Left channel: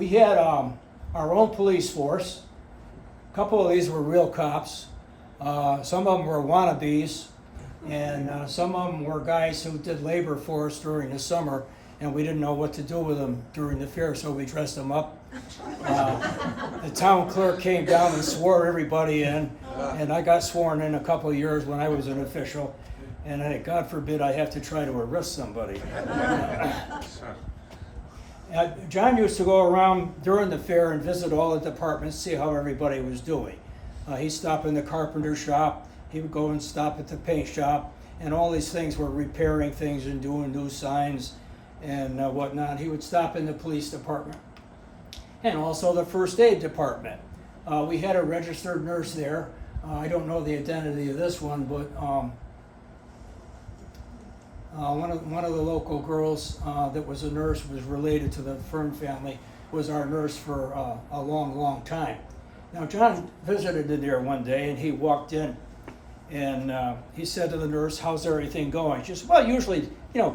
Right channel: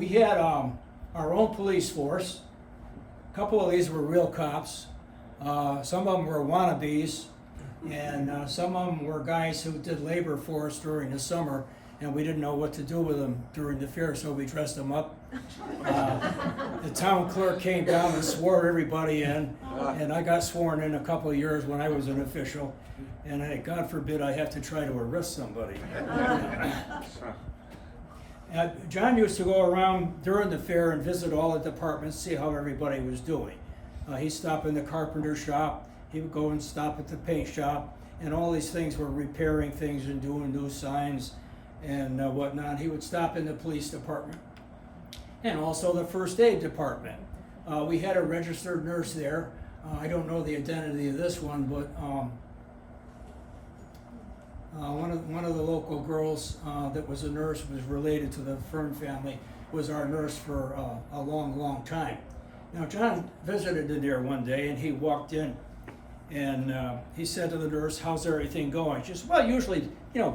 we had our own police force. A couple of these were real cops. Some of them were wannabes, and some of them were guys who did labor for us during the summer, and we didn't know what to do with them during the fair, so we dressed them up. The town clerk came down and swore everybody in, and I got sworn in a couple of years when I was an official, and God forbid I have to try to arrest somebody. John used to go around during the fair and visit all the departments, see how everybody was doing. He'd stop in the carpenter shop, he would go and stop at the paint shop, and all these things were repairing things and doing new signs and whatnot. He would stop in the police department and also the first aid department. We had a registered nurse there. I don't know the identity of this one, but one of the local girls that was a nurse, was related to the Fern family, was our nurse for a long, long time. Now, John visited in there one day, and he walked in, and he said to the nurse, "How's everything going?" She said, "Well, usually,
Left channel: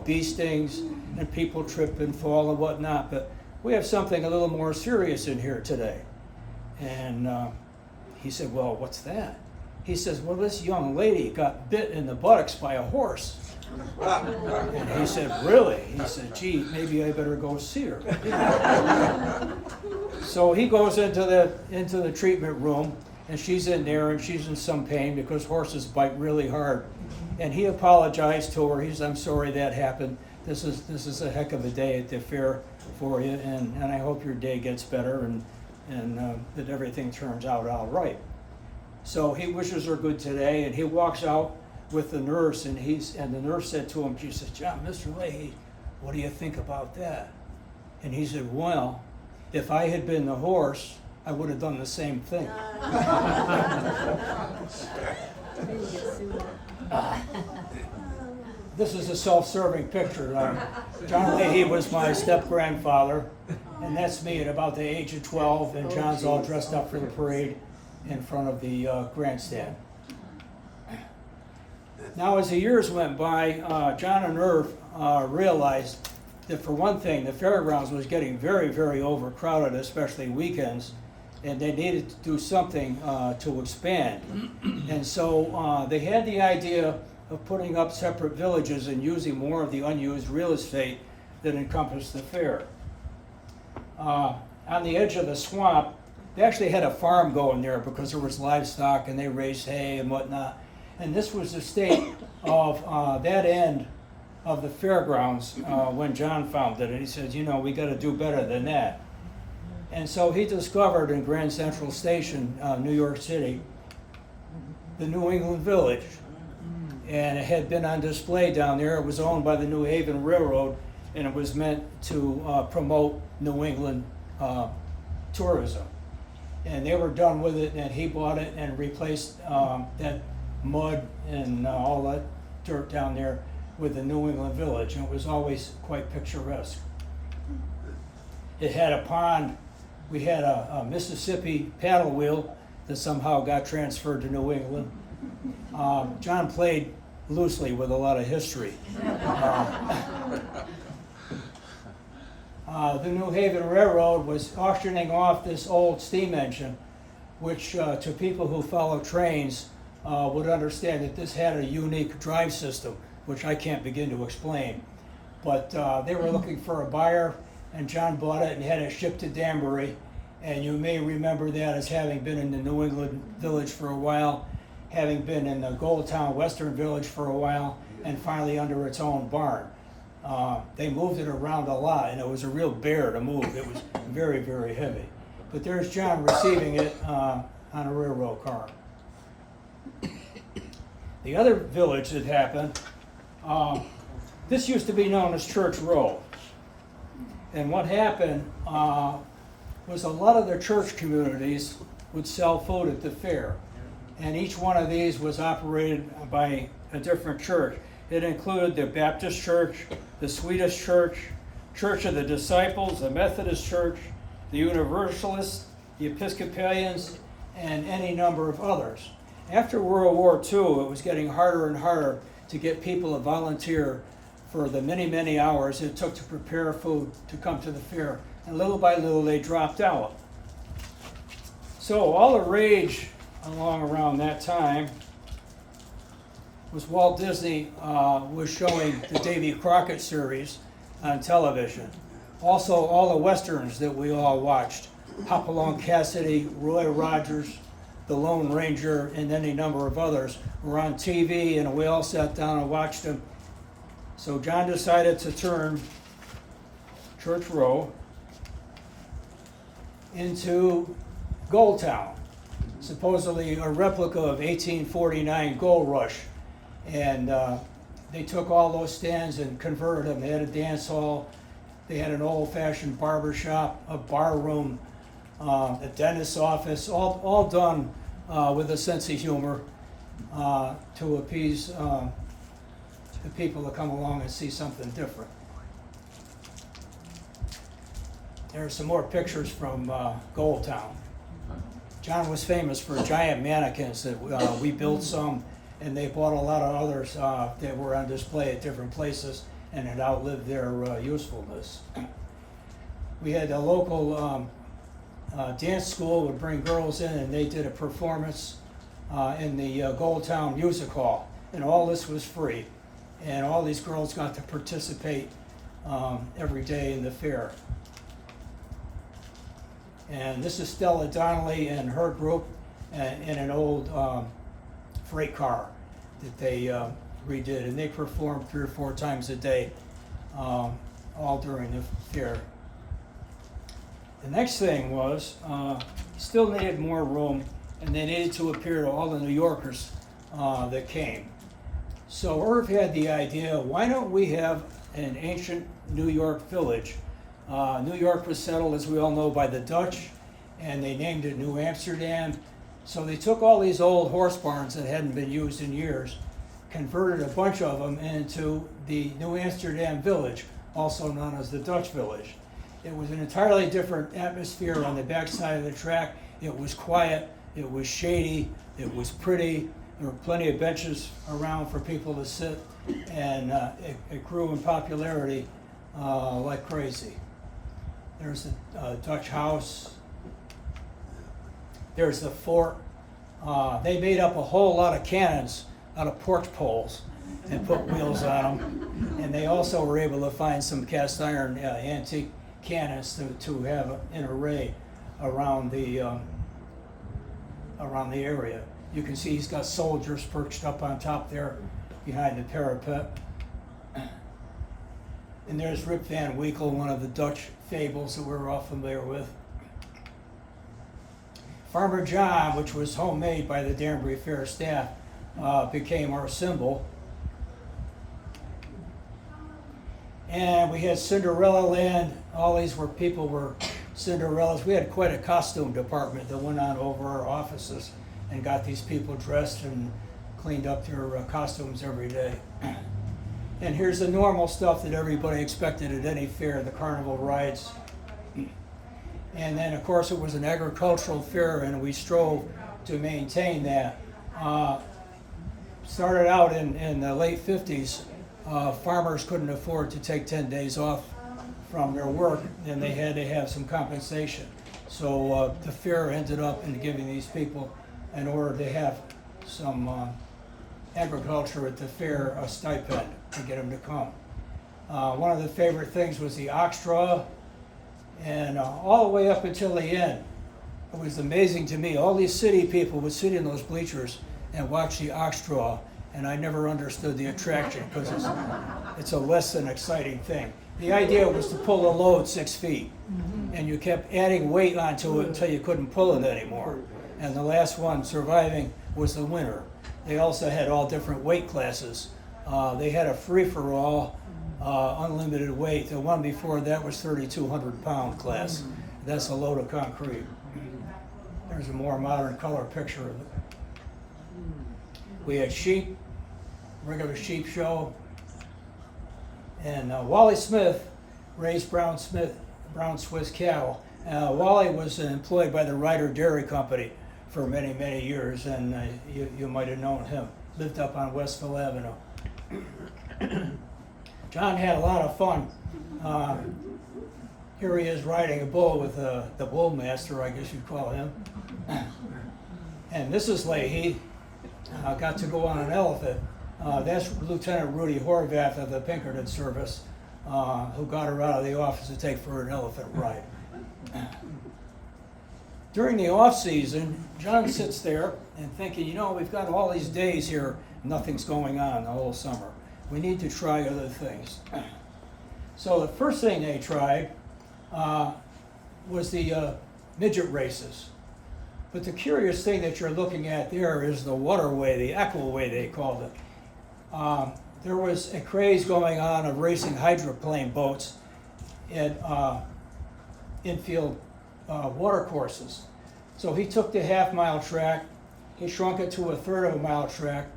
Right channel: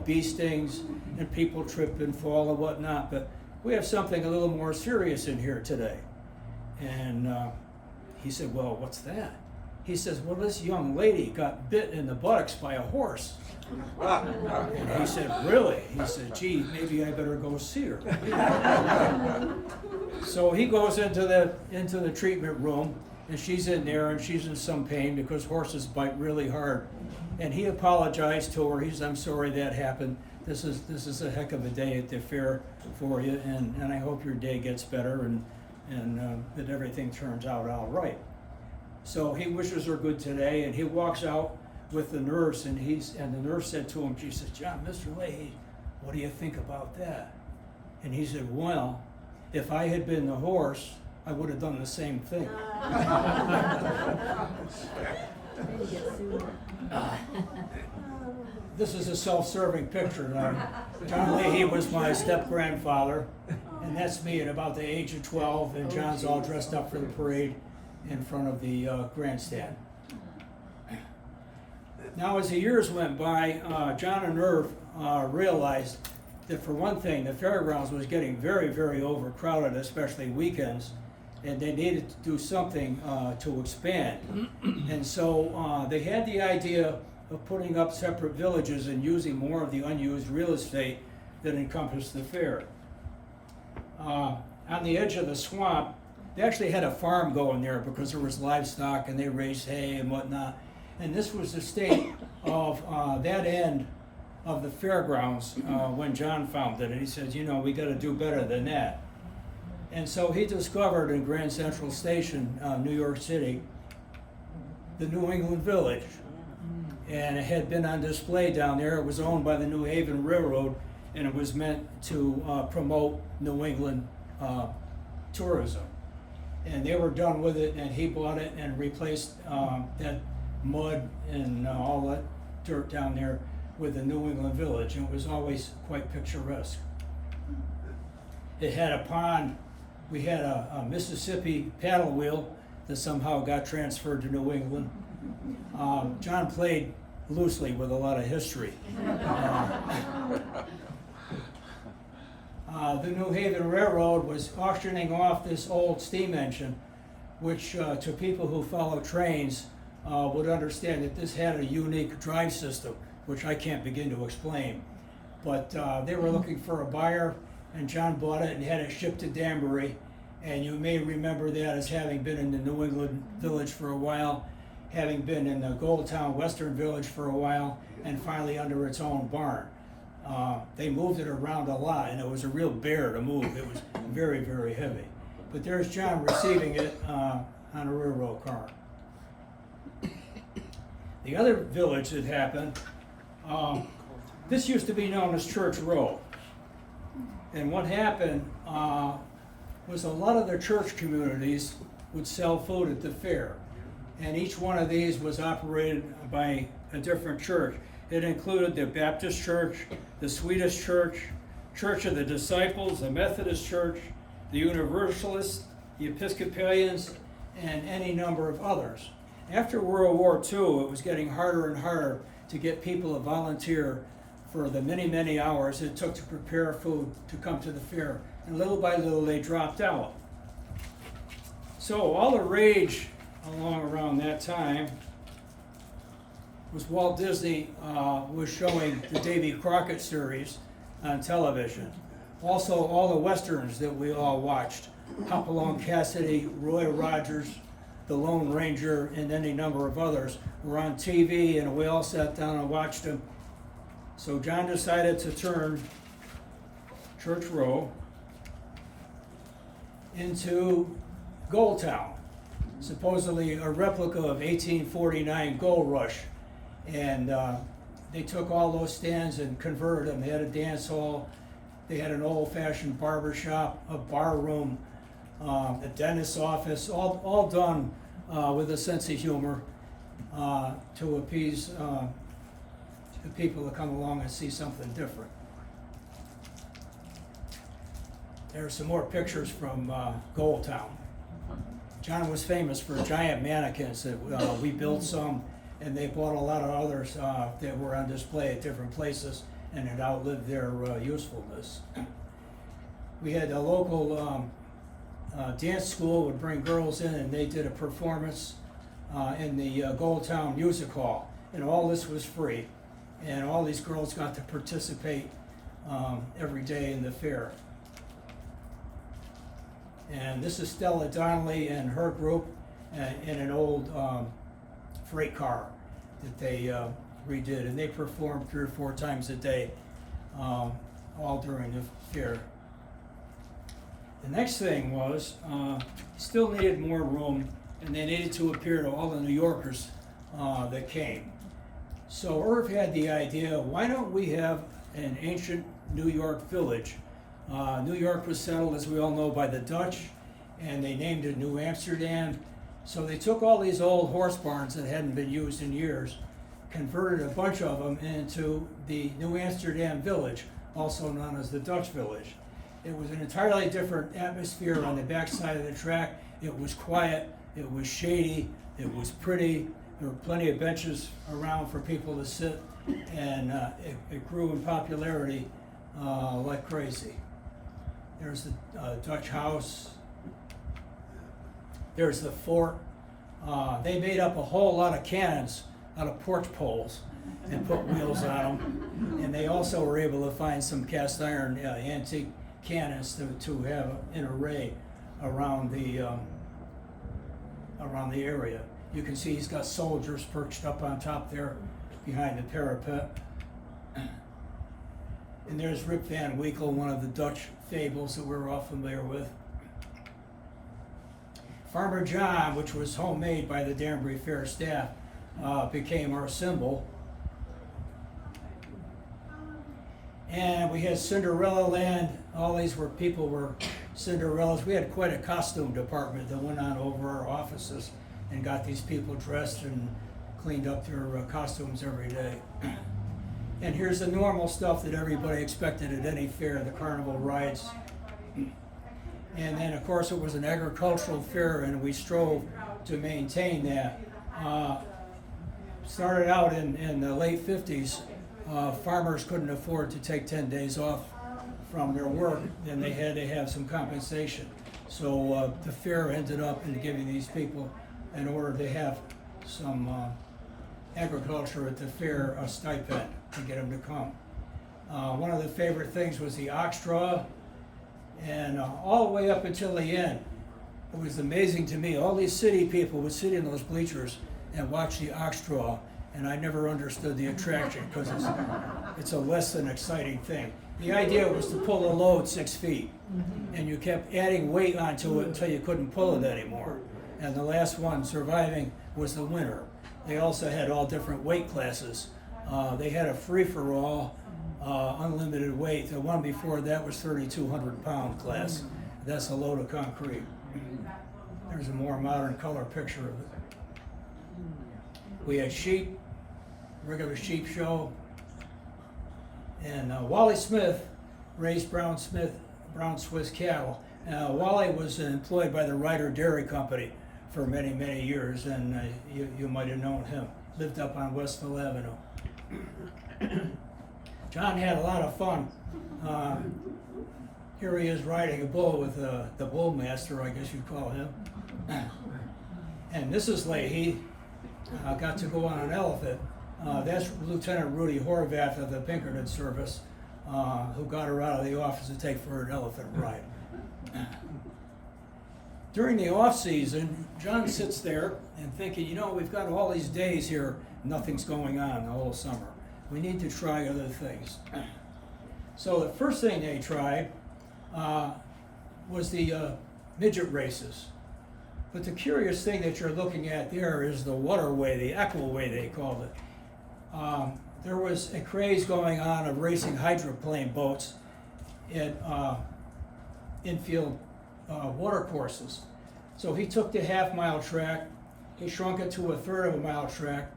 bee stings and people trip and fall and whatnot, but we have something a little more serious in here today." And he said, "Well, what's that?" He says, "Well, this young lady got bit in the buttocks by a horse." And he said, "Really?" He said, "Gee, maybe I better go see her." So he goes into the treatment room, and she's in there, and she's in some pain because horses bite really hard. And he apologized to her. He said, "I'm sorry that happened. This is a heck of a day at the fair for you, and I hope your day gets better and that everything turns out all right." So he wishes her good today, and he walks out with the nurse, and the nurse said to him, she said, "John, Mr. Leahy, what do you think about that?" And he said, "Well, if I had been the horse, I would have done the same thing." This is a self-serving picture. John Leahy was my step-grandfather, and that's me at about the age of 12, and John's all dressed up for the parade in front of the grandstand. Now, as the years went by, John and Irv realized that, for one thing, the fairgrounds was getting very, very overcrowded, especially weekends, and they needed to do something to expand. And so they had the idea of putting up separate villages and using more of the unused real estate that encompassed the fair. On the edge of the swamp, they actually had a farm going there because there was livestock and they raised hay and whatnot. And this was the state of that end of the fairgrounds when John found it. And he says, we got to do better than that. And so he discovered in Grand Central Station, New York City, the New England Village. And it had been on display down there. It was owned by the New Haven Railroad, and it was meant to promote New England tourism. And they were done with it, and he bought it and replaced that mud and all that dirt down there with the New England Village, and it was always quite picturesque. It had a pond. We had a Mississippi paddle wheel that somehow got transferred to New England. John played loosely with a lot of history. The New Haven Railroad was auctioning off this old steam engine, which to people who follow trains would understand that this had a unique drive system, which I can't begin to explain. But they were looking for a buyer, and John bought it and had it shipped to Danbury. And you may remember that as having been in the New England Village for a while, having been in the Goldtown Western Village for a while, and finally under its own barn. They moved it around a lot, and it was a real bear to move. It was very, very heavy. But there's John receiving it on a railroad car. The other village that happened, this used to be known as Church Row. And what happened was a lot of the church communities would sell food at the fair. And each one of these was operated by a different church. It included the Baptist Church, the Swedish Church, Church of the Disciples, the Methodist Church, the Universalists, the Episcopalians, and any number of others. After World War II, it was getting harder and harder to get people to volunteer for the many, many hours it took to prepare food to come to the fair. And little by little, they dropped out. So all the rage along around that time was Walt Disney was showing the Davy Crockett series on television. Also, all the westerns that we all watched, Hopalong Cassidy, Roy Rogers, The Lone Ranger, and any number of others were on TV, and we all sat down and watched them. So John decided to turn Church Row into Gold Town, supposedly a replica of 1849 Gold Rush. And they took all those stands and converted them. They had a dance hall, they had an old-fashioned barber shop, a bar room, a dentist's office, all done with a sense of humor to appease the people that come along and see something different. There are some more pictures from Gold Town. John was famous for giant mannequins that we built some, and they bought a lot of others that were on display at different places and had outlived their usefulness. We had a local dance school would bring girls in, and they did a performance in the Gold Town Music Hall, and all this was free, and all these girls got to participate every day in the fair. And this is Stella Donnelly and her group in an old freight car that they redid, and they performed 3 or 4 times a day, all during the fair. The next thing was, still needed more room, and they needed to appear to all the New Yorkers that came. So Irv had the idea, why don't we have an ancient New York village? New York was settled, as we all know, by the Dutch, and they named it New Amsterdam. So they took all these old horse barns that hadn't been used in years, converted a bunch of them into the New Amsterdam village, also known as the Dutch village. It was an entirely different atmosphere on the backside of the track. It was quiet, it was shady, it was pretty. There were plenty of benches around for people to sit, and it grew in popularity like crazy. There's the Dutch house. There's the fort. They made up a whole lot of cannons out of porch poles and put wheels on them. And they also were able to find some cast iron antique cannons to have an array around the area. You can see he's got soldiers perched up on top there behind the parapet. And there's Rip Van Winkle, one of the Dutch fables that we're all familiar with. Farmer John, which was homemade by the Danbury Fair staff, became our symbol. And we had Cinderella Land. All these people were Cinderellas. We had quite a costume department that went on over our offices and got these people dressed and cleaned up their costumes every day. And here's the normal stuff that everybody expected at any fair, the carnival rides. And then, of course, it was an agricultural fair, and we strove to maintain that. Started out in the late 50s, farmers couldn't afford to take 10 days off from their work, and they had to have some compensation. So the fair ended up in giving these people, in order to have some agriculture at the fair, a stipend to get them to come. One of the favorite things was the ox draw, and all the way up until the end, it was amazing to me. All these city people would sit in those bleachers and watch the ox draw, and I never understood the attraction because it's a less than exciting thing. The idea was to pull a load 6 feet, and you kept adding weight onto it until you couldn't pull it anymore. And the last one surviving was the winner. They also had all different weight classes. They had a free-for-all, unlimited weight. The one before that was 3,200-pound class. That's a load of concrete. There's a more modern color picture of it. We had sheep, regular sheep show, and Wally Smith raised brown Swiss cattle. Wally was employed by the Ryder Dairy Company for many, many years, and you might have known him. Lived up on Westville Avenue. John had a lot of fun. Here he is riding a bull with the bull master, I guess you'd call him. And Mrs. Leahy got to go on an elephant. That's Lieutenant Rudy Horvath of the Pinkerton Service, who got her out of the office to take for an elephant ride. During the off season, John sits there and thinking, you know, we've got all these days here, nothing's going on the whole summer. We need to try other things. So the first thing they tried was the midget races. But the curious thing that you're looking at there is the waterway, the aquaway they called it. There was a craze going on of racing hydroplane boats in infield water courses. So he took the half-mile track, he shrunk it to a third of a mile track,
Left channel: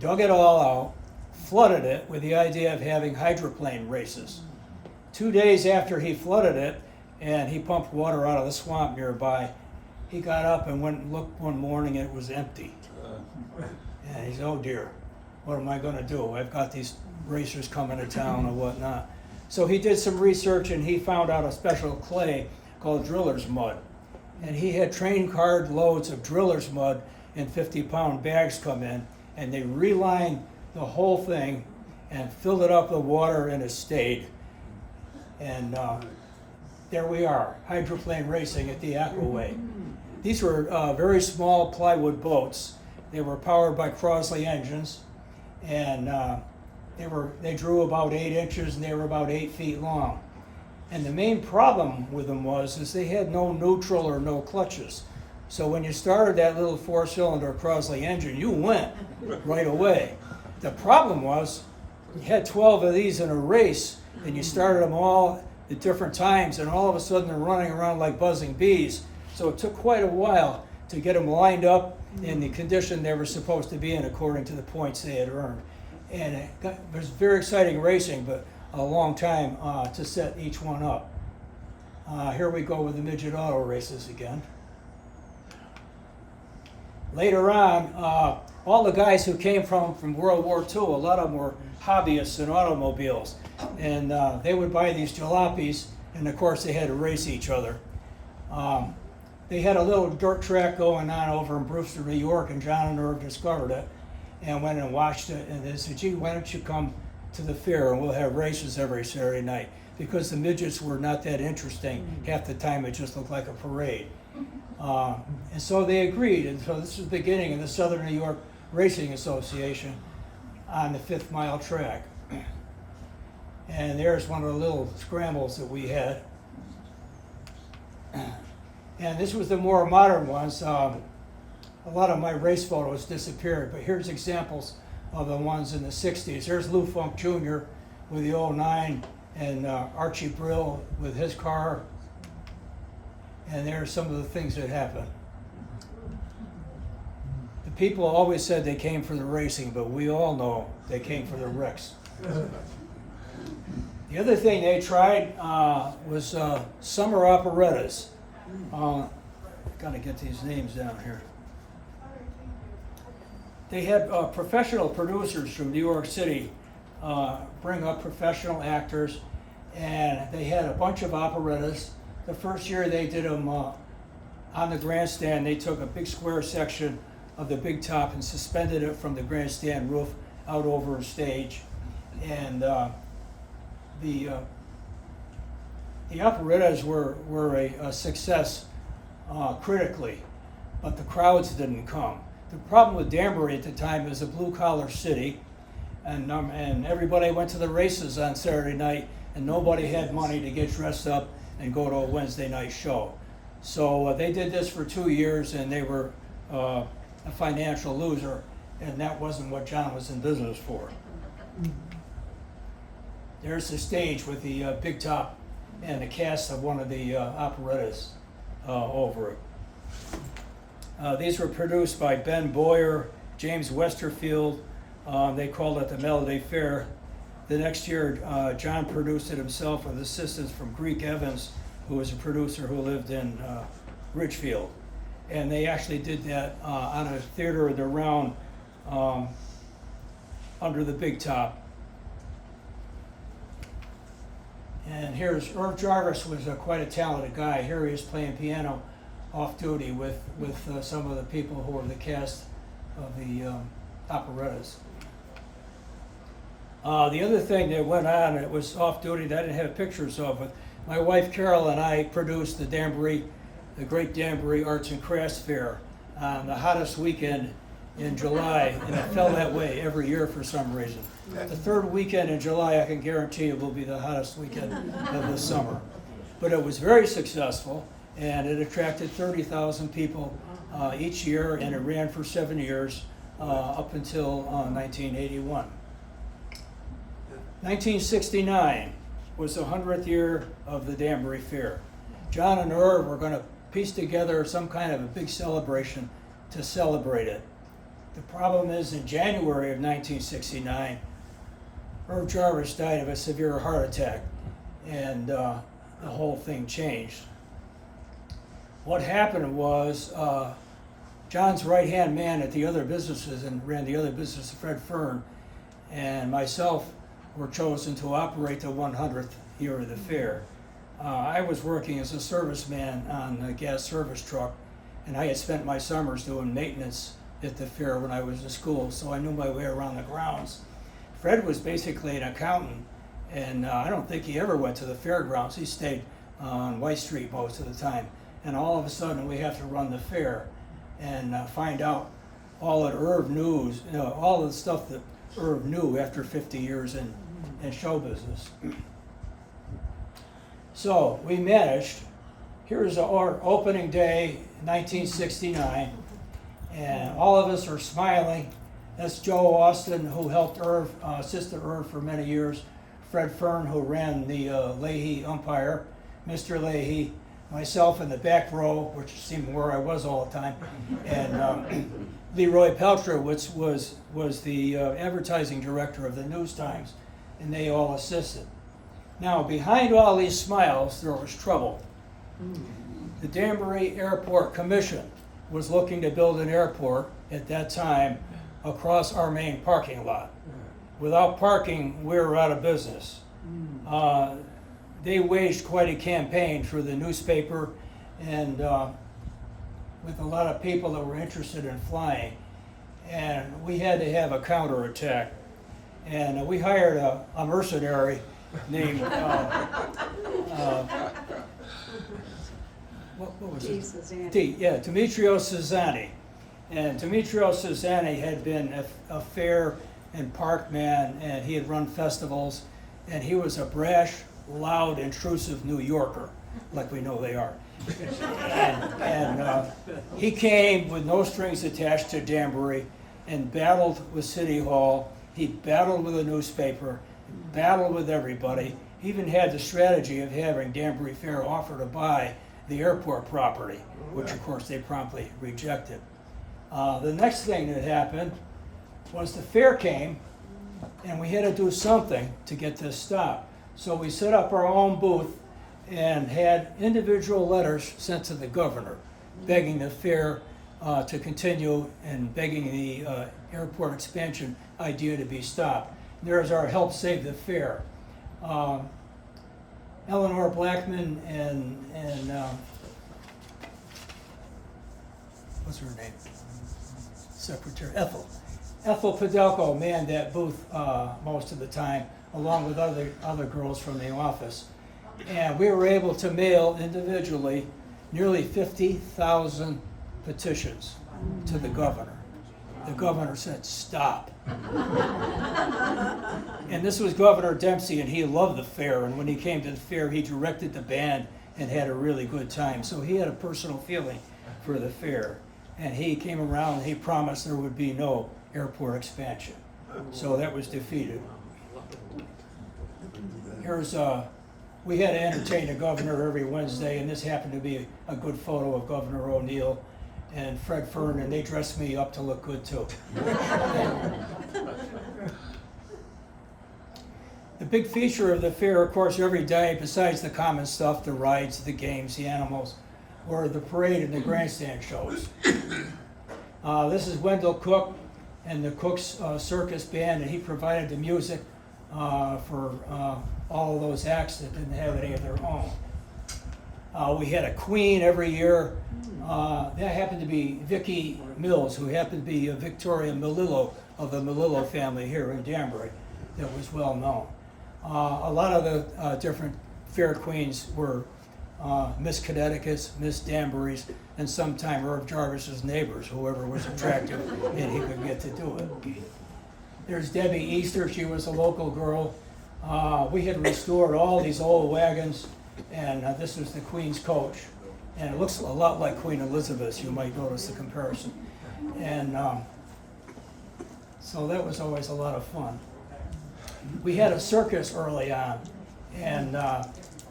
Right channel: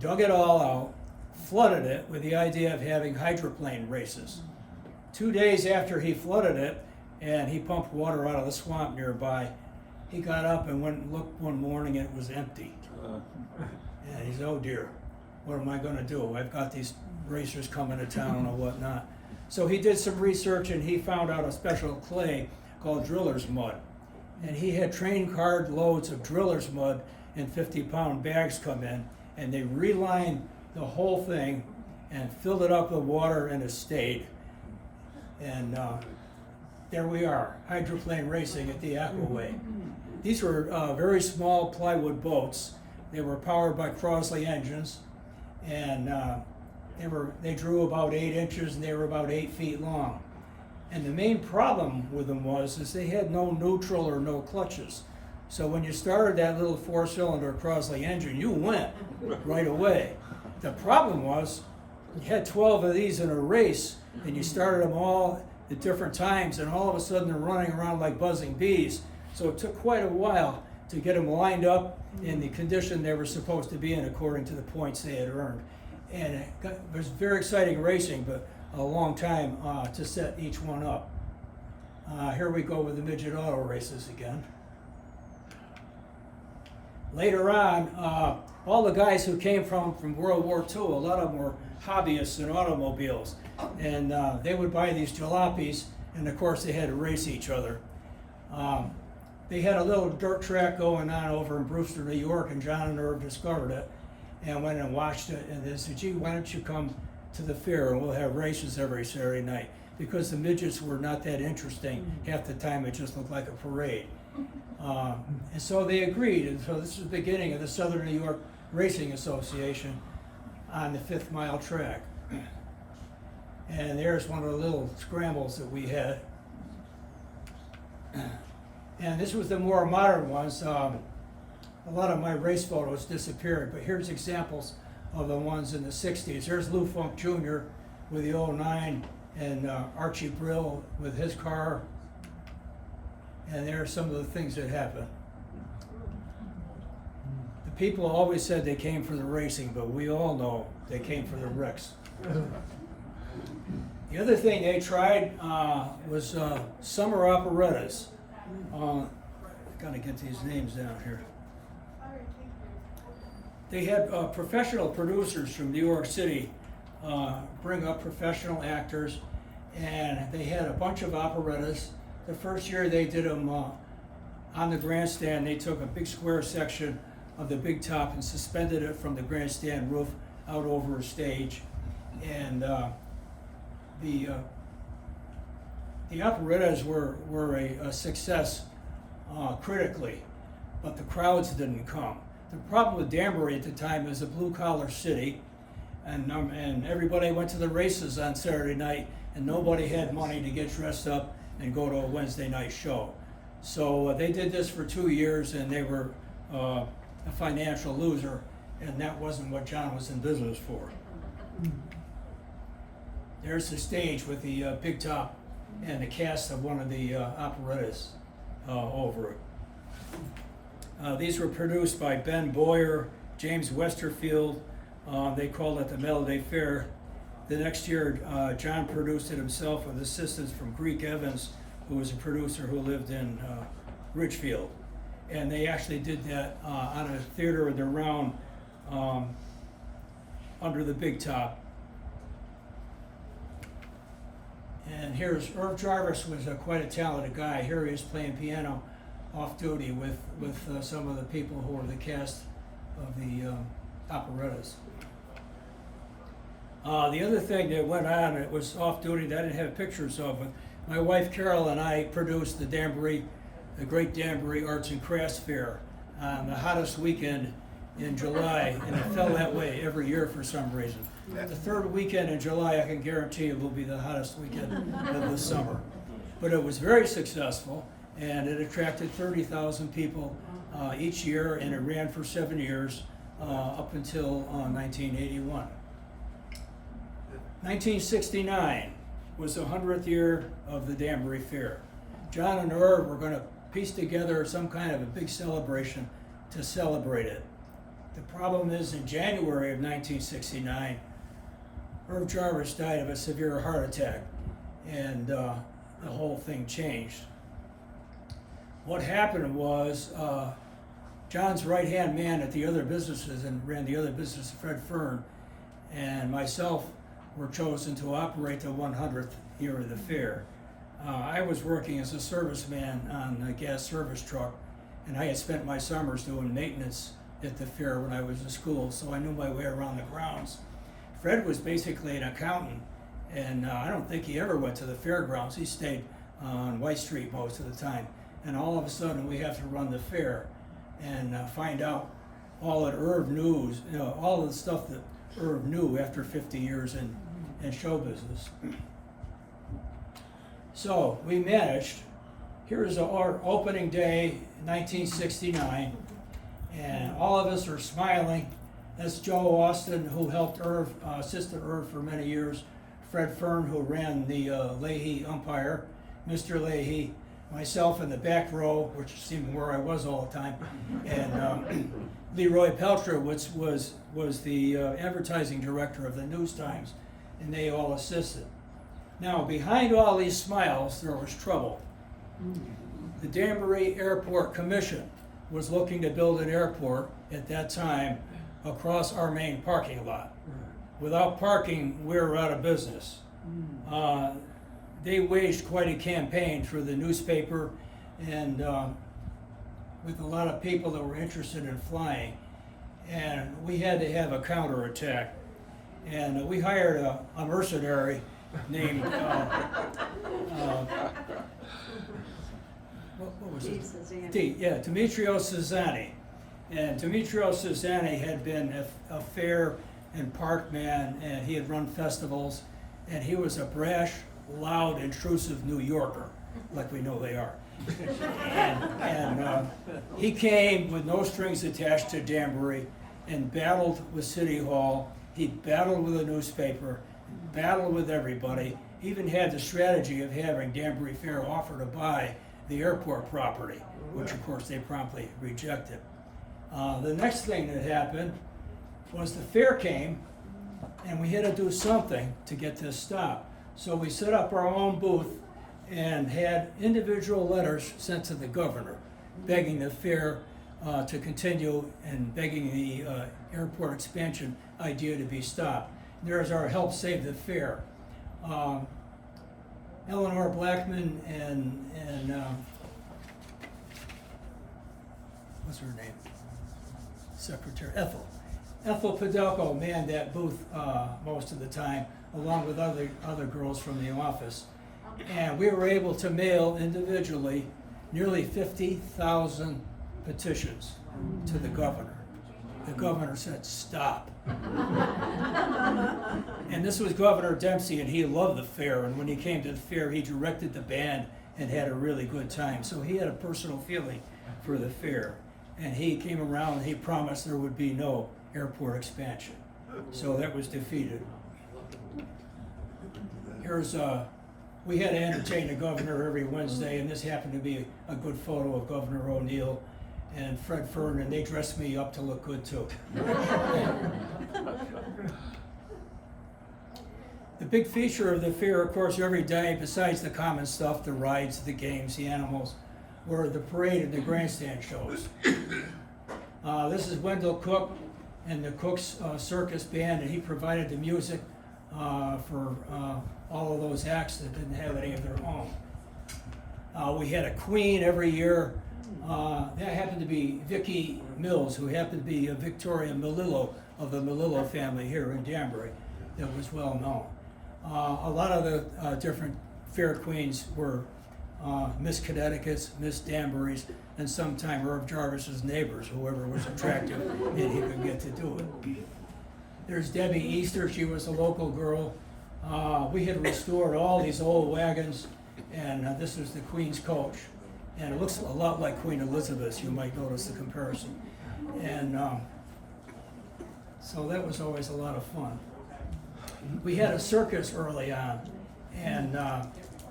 dug it all out, flooded it with the idea of having hydroplane races. 2 days after he flooded it and he pumped water out of the swamp nearby, he got up and went and looked one morning and it was empty. And he said, oh dear, what am I going to do? I've got these racers coming to town or whatnot. So he did some research and he found out a special clay called driller's mud. And he had train cart loads of driller's mud in 50-pound bags come in, and they relined the whole thing and filled it up with water, and it stayed. And there we are, hydroplane racing at the Aquaway. These were very small plywood boats. They were powered by Crosley engines, and they drew about 8 inches, and they were about 8 feet long. And the main problem with them is they had no neutral or no clutches. So when you started that little 4-cylinder Crosley engine, you went right away. The problem was you had 12 of these in a race, and you started them all at different times, and all of a sudden they're running around like buzzing bees. So it took quite a while to get them lined up in the condition they were supposed to be in according to the points they had earned. And it was very exciting racing, but a long time to set each one up. Here we go with the midget auto races again. Later on, all the guys who came from World War II, a lot of them were hobbyists in automobiles. And they would buy these jalopies, and of course they had to race each other. They had a little dirt track going on over in Brewster, New York, and John and Irv discovered it and went and watched it. And they said, gee, why don't you come to the fair and we'll have races every Saturday night, because the midgets were not that interesting. Half the time it just looked like a parade. And so they agreed, and so this is the beginning of the Southern New York Racing Association on the 5th mile track. And there's one of the little scrambles that we had. And this was the more modern ones. A lot of my race photos disappeared, but here's examples of the ones in the 60s. There's Lou Funk Jr. with the 09 and Archie Brill with his car. And there are some of the things that happened. The people always said they came for the racing, but we all know they came for the wrecks. The other thing they tried was summer operettas. Gotta get these names down here. They had professional producers from New York City bring up professional actors, and they had a bunch of operettas. The first year they did them on the grandstand. They took a big square section of the big top and suspended it from the grandstand roof out over a stage. And the operettas were a success critically, but the crowds didn't come. The problem with Danbury at the time is a blue-collar city, and everybody went to the races on Saturday night, and nobody had money to get dressed up and go to a Wednesday night show. So they did this for 2 years, and they were a financial loser, and that wasn't what John was in business for. There's the stage with the big top and the cast of one of the operettas over it. These were produced by Ben Boyer, James Westerfield. They called it the Melody Fair. The next year, John produced it himself with assistance from Greek Evans, who was a producer who lived in Ridgefield. And they actually did that on a theater of the round under the big top. And here's Irv Jarvis was quite a talented guy. Here he is playing piano off duty with some of the people who were the cast of the operettas. The other thing that went on, it was off duty that I didn't have pictures of, but my wife Carol and I produced the Great Danbury Arts and Crafts Fair on the hottest weekend in July, and it fell that way every year for some reason. The third weekend in July, I can guarantee you, will be the hottest weekend of the summer. But it was very successful, and it attracted 30,000 people each year, and it ran for 7 years up until 1981. 1969 was the 100th year of the Danbury Fair. John and Irv were going to piece together some kind of a big celebration to celebrate it. The problem is, in January of 1969, Irv Jarvis died of a severe heart attack, and the whole thing changed. What happened was John's right-hand man at the other businesses and ran the other business, Fred Fern, and myself were chosen to operate the 100th year of the fair. I was working as a serviceman on a gas service truck, and I had spent my summers doing maintenance at the fair when I was in school, so I knew my way around the grounds. Fred was basically an accountant, and I don't think he ever went to the fairgrounds. He stayed on White Street most of the time. And all of a sudden, we have to run the fair and find out all that Irv knew, all the stuff that Irv knew after 50 years in show business. So we managed. Here's our opening day, 1969, and all of us are smiling. That's Joe Austin, who helped Irv, assisted Irv for many years. Fred Fern, who ran the Leahy umpire. Mr. Leahy, myself in the back row, which seemed where I was all the time, and Leroy Pelcher, which was the advertising director of the News Times, and they all assisted. Now, behind all these smiles, there was trouble. The Danbury Airport Commission was looking to build an airport at that time across our main parking lot. Without parking, we were out of business. They waged quite a campaign through the newspaper and with a lot of people that were interested in flying. And we had to have a counterattack. And we hired a mercenary named, what was it? Demetrio Cesani. And Demetrio Cesani had been a fair and park man, and he had run festivals, and he was a brash, loud, intrusive New Yorker, like we know they are. And he came with no strings attached to Danbury and battled with City Hall. He battled with the newspaper, battled with everybody, even had the strategy of having Danbury Fair offer to buy the airport property, which of course they promptly rejected. The next thing that happened was the fair came, and we had to do something to get this stopped. So we set up our own booth and had individual letters sent to the governor, begging the fair to continue and begging the airport expansion idea to be stopped. There's our Help Save the Fair. Eleanor Blackman and what's her name? Secretary Ethel Padelko manned that booth most of the time, along with other girls from the office. And we were able to mail individually nearly 50,000 petitions to the governor. The governor said, "Stop." And this was Governor Dempsey, and he loved the fair. And when he came to the fair, he directed the band and had a really good time. So he had a personal feeling for the fair. And he came around and he promised there would be no airport expansion. So that was defeated. Here's we had to entertain the governor every Wednesday, and this happened to be a good photo of Governor O'Neill and Fred Fern, and they dressed me up to look good too. The big feature of the fair, of course, every day, besides the common stuff, the rides, the games, the animals, were the parade and the grandstand shows. This is Wendell Cook and the Cook's Circus Band, and he provided the music for all of those acts that didn't have any of their own. We had a queen every year. That happened to be Vicki Mills, who happened to be Victoria Melillo of the Melillo family here in Danbury, that was well known. A lot of the different fair queens were Miss Connecticut's, Miss Danbury's, and sometime Irv Jarvis's neighbors, whoever was attractive and he could get to do it. There's Debbie Easter, she was a local girl. We had restored all these old wagons, and this was the Queen's coach. And it looks a lot like Queen Elizabeth's, you might notice the comparison. And so that was always a lot of fun. We had a circus early on, and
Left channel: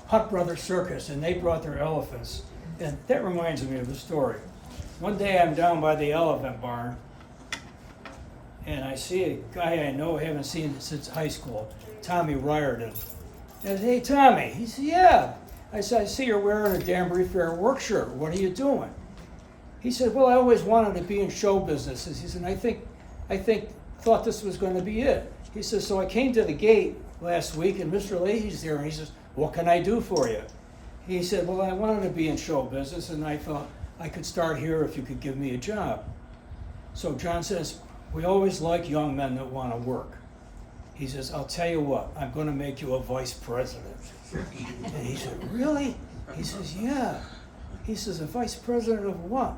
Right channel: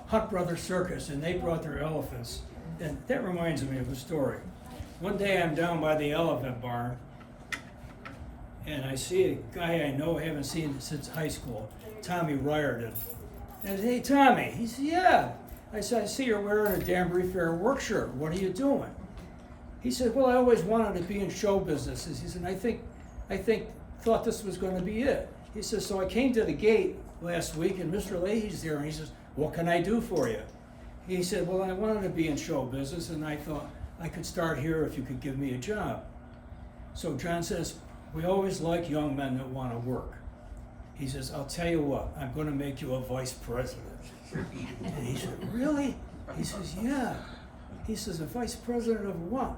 Hunt Brothers Circus, and they brought their elephants. And that reminds me of a story. One day I'm down by the elephant barn, and I see a guy I know, haven't seen since high school, Tommy Riordan. I said, "Hey, Tommy." He said, "Yeah." I said, "I see you're wearing a Danbury Fair work shirt. What are you doing?" He said, "Well, I always wanted to be in show business." He said, thought this was going to be it. He says, "So I came to the gate last week, and Mr. Leahy's there, and he says, 'What can I do for you?' He said, 'Well, I wanted to be in show business, and I thought I could start here if you could give me a job.' So John says, 'We always like young men that want to work.' He says, 'I'll tell you what, I'm going to make you a vice president.' And he said, 'Really?' He says, 'Yeah.' He says, 'A vice president of what?'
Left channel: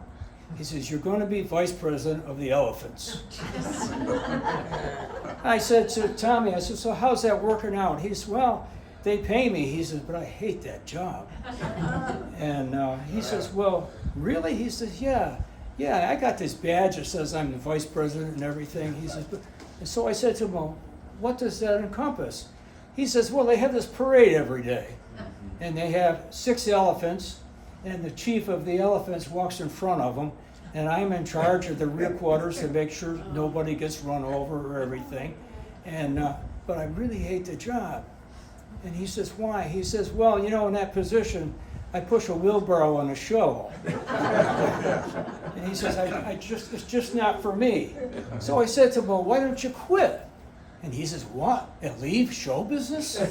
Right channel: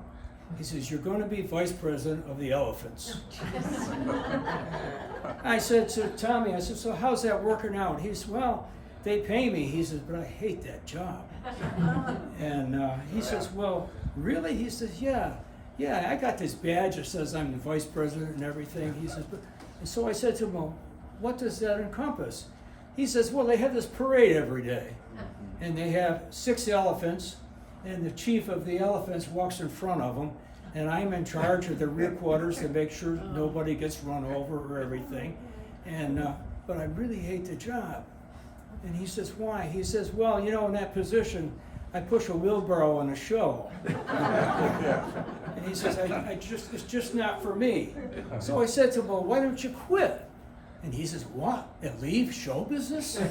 He says, 'You're going to be vice president of the elephants.' I said to Tommy, I said, 'So how's that working out?' He said, 'Well, they pay me.' He says, 'But I hate that job.' And he says, 'Well, really?' He says, yeah, I got this badge that says I'm the vice president and everything.' He says, and so I said to him, 'Well, what does that encompass?' He says, 'Well, they have this parade every day, and they have 6 elephants, and the chief of the elephants walks in front of them, and I'm in charge of the rear quarters to make sure nobody gets run over or everything. And but I really hate the job.' And he says, 'Why?' He says, 'Well, in that position, I push a wheelbarrow on a show.' And he says, it's just not for me.' So I said to him, 'Well, why don't you quit?' And he says, 'What? And leave show business?' I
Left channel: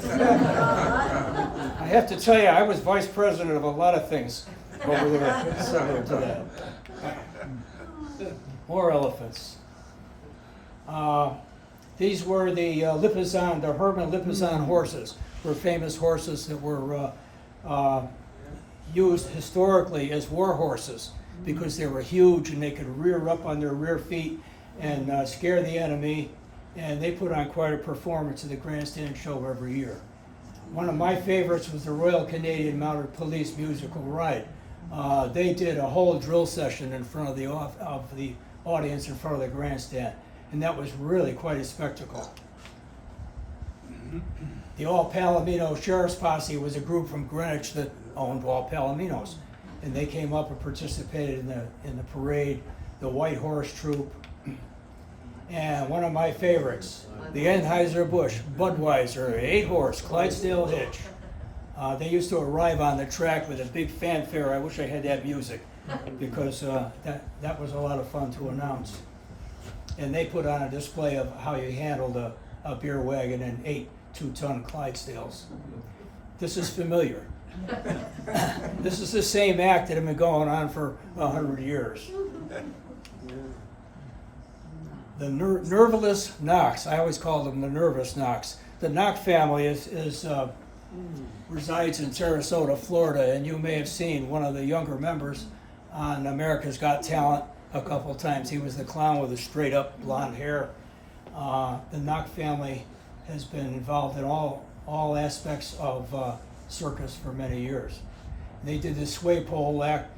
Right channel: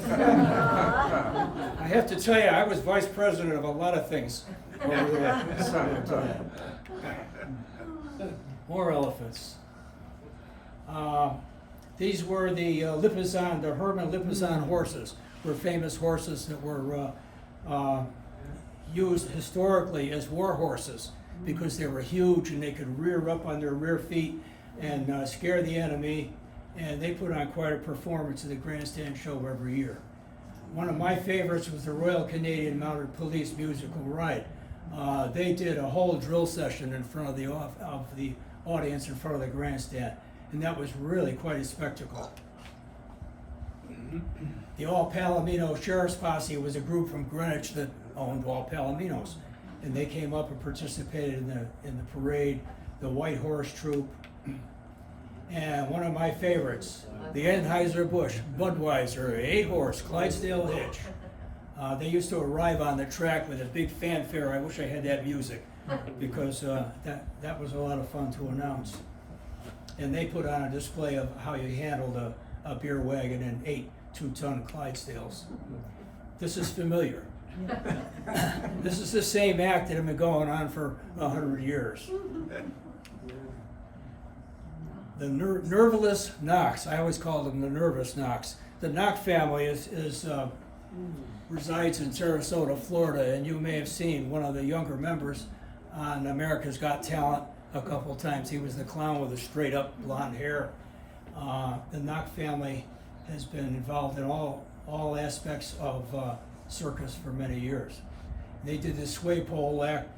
have to tell you, I was vice president of a lot of things over there, similar to that. More elephants. These were the Lipizzan, the Herman Lipizzan horses, were famous horses that were used historically as war horses because they were huge and they could rear up on their rear feet and scare the enemy. And they put on quite a performance at the grandstand show every year. One of my favorites was the Royal Canadian Mounted Police musical ride. They did a whole drill session in front of the audience in front of the grandstand, and that was really quite a spectacle. The All Palomino Sheriff's Posse was a group from Greenwich that owned All Palominos, and they came up and participated in the parade. The White Horse Troop. And one of my favorites, the Anheuser-Busch Budweiser 8-horse Clydesdale hitch. They used to arrive on the track with a big fanfare. I wish I had that music because that was a lot of fun to announce. And they put on a display of how you handled a beer wagon and 8 2-ton Clydesdales. This is familiar. This is the same act that had been going on for 100 years. The nerveless Knox, I always call them the nervous Knox. The Knox family resides in Sarasota, Florida, and you may have seen one of the younger members on America's Got Talent a couple times. He was the clown with the straight up blonde hair. The Knox family has been involved in all aspects of circus for many years. They did the sway pole act,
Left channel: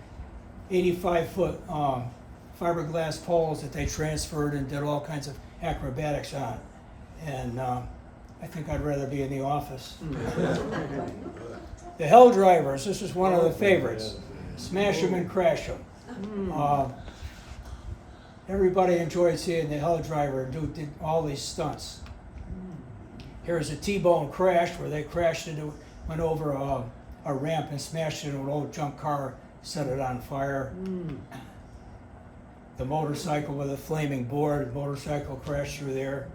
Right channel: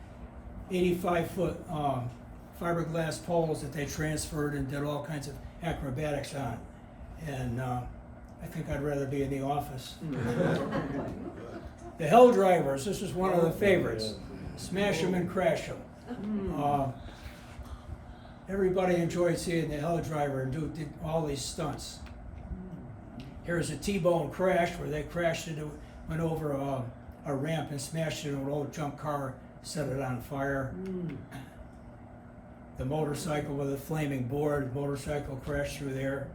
85-foot fiberglass poles that they transferred and did all kinds of acrobatics on. And I think I'd rather be in the office. The Hell Drivers, this is one of the favorites. Smash 'em and crash 'em. Everybody enjoyed seeing the Hell Driver do all these stunts. Here's a T-bone crash where they crashed into, went over a ramp and smashed into an old junk car, set it on fire. The motorcycle with a flaming board, motorcycle crashed through there.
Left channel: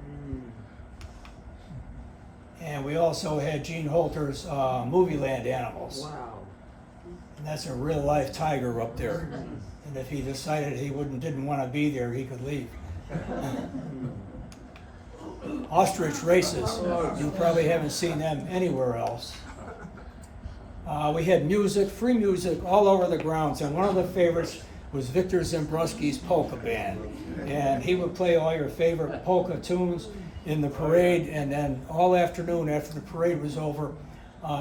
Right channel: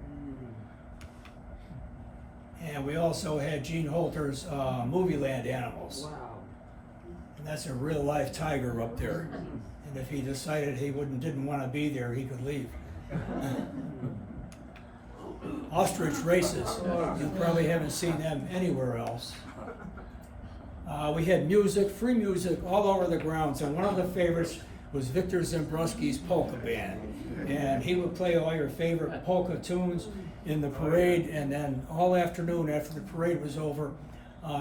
And we also had Gene Holter's Movie Land Animals. Wow. And that's a real life tiger up there. And if he decided he didn't want to be there, he could leave. Ostrich races. You probably haven't seen them anywhere else. We had music, free music all over the grounds, and one of the favorites was Victor Zimbruski's polka band. And he would play all your favorite polka tunes in the parade, and then all afternoon after the parade was over,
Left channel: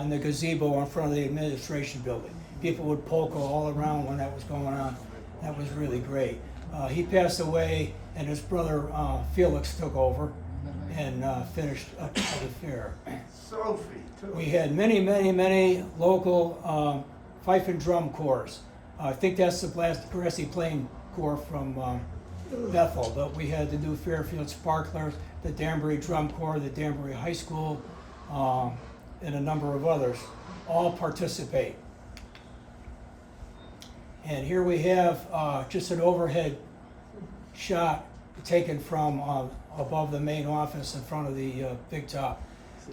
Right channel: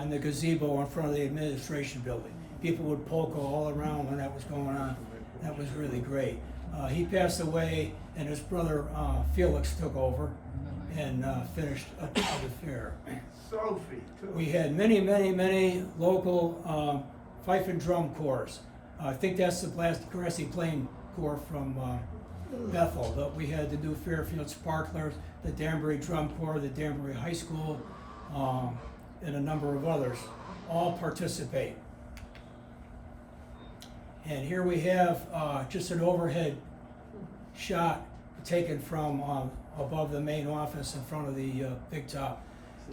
in the gazebo in front of the administration building. People would polka all around when that was going on. That was really great. He passed away, and his brother Felix took over and finished up the fair. Sophie, too. We had many local fife and drum corps. I think that's the Grassy Plain Corps from Bethel, but we had the New Fairfield Sparklers, the Danbury Drum Corps, the Danbury High School, and a number of others all participate. And here we have just an overhead shot taken from above the main office in front of the big top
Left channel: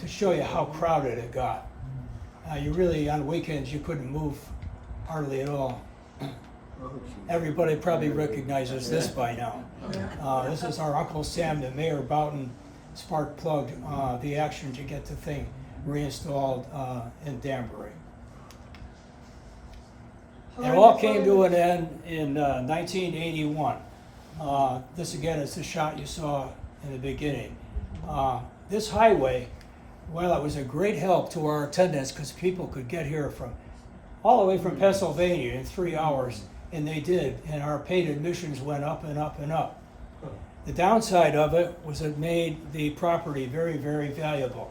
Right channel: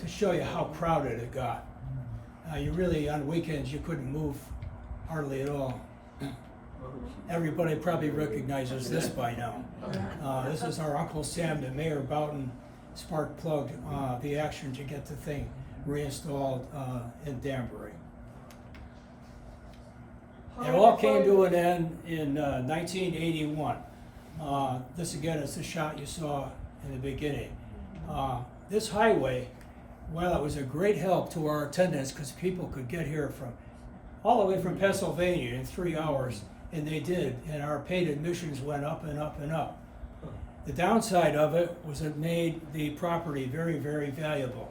to show you how crowded it got. You really, on weekends, you couldn't move hardly at all. Everybody probably recognizes this by now. This is our Uncle Sam that Mayor Boughton spark plugged the action to get the thing reinstalled in Danbury. It all came to an end in 1981. This again is the shot you saw in the beginning. This highway, well, it was a great help to our attendants because people could get here from all the way from Pennsylvania in 3 hours, and they did, and our paid admissions went up and up and up. The downside of it was it made the property very valuable.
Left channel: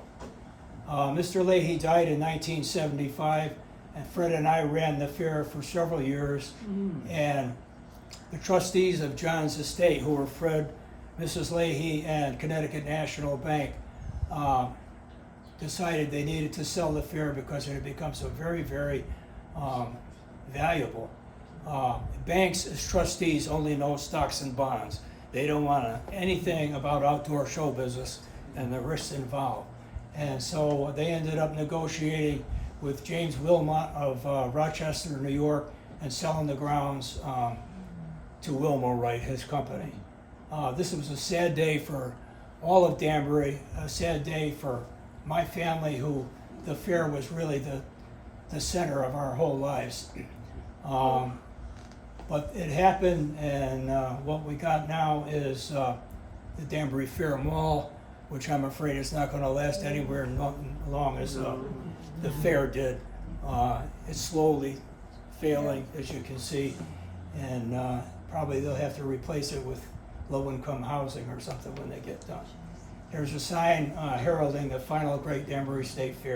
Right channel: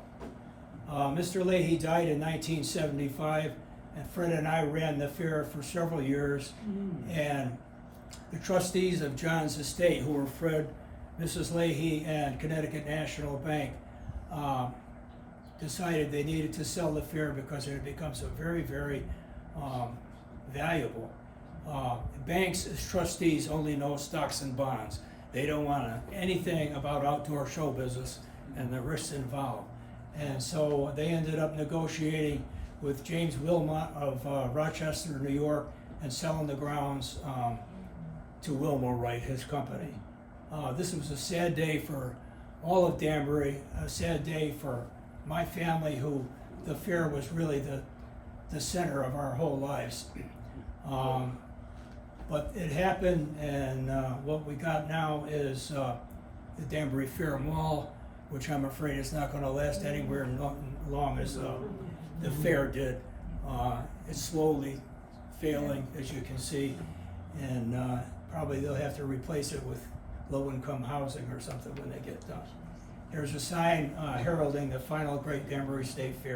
Mr. Leahy died in 1975, and Fred and I ran the fair for several years, and the trustees of John's estate, who were Fred, Mrs. Leahy, and Connecticut National Bank, decided they needed to sell the fair because it had become so very valuable. Banks as trustees only know stocks and bonds. They don't want anything about outdoor show business and the risks involved. And so they ended up negotiating with James Wilmot of Rochester, New York, and selling the grounds to Wilmot Wright, his company. This was a sad day for all of Danbury, a sad day for my family, who the fair was really the center of our whole lives. But it happened, and what we got now is the Danbury Fair Mall, which I'm afraid is not going to last anywhere long as the fair did. It's slowly failing, as you can see, and probably they'll have to replace it with low-income housing or something when they get done. There's a sign heralding the final Great Danbury State Fair.